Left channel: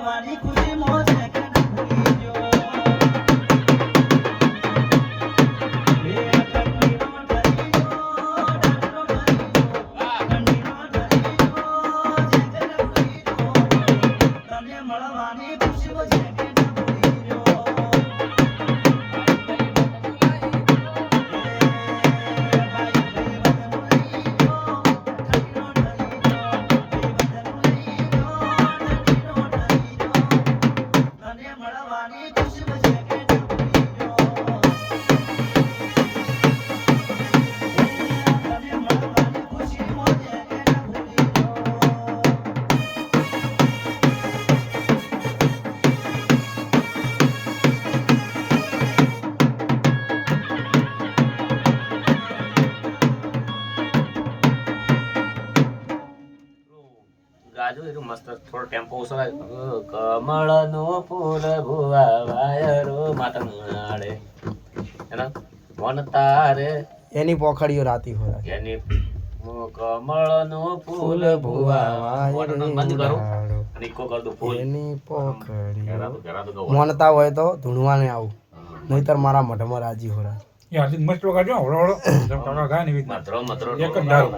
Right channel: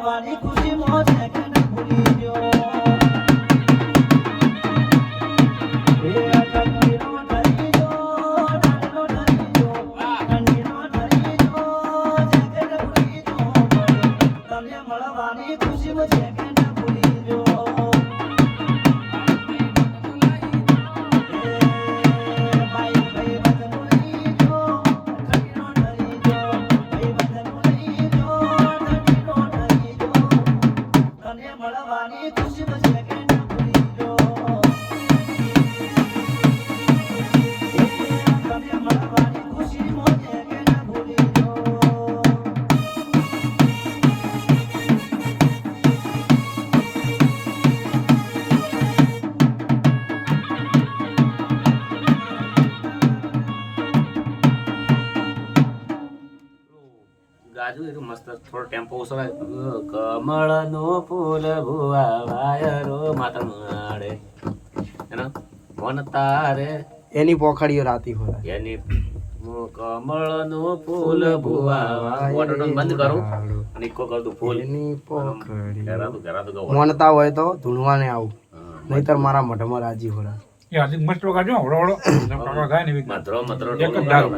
মানি খুশি মোহ সেখানে ঘুরিয়ে મસ્ત થોડો ટેમ્પો ઓછો રાખ. ફૂલ ભુવા વાયરો માતા માડે એના મન તારે. એની પોખડીઓ રાતી હોય. એની મુ- ફૂલ ભુવા વોટરનું બંધ કરું. અને ઇકો કર દઉં ફૂલ. એની પોખડી. ઘરાતું ઘરાતું ગૌ મોનતા હોય તો ધૂણવાને આવું. નહીતર મારા મોઢામાં રાજી હોય એ મસ્ત વગાડજો હળો હળો. ગાય ને મધરો મધરો એક જ ધારો.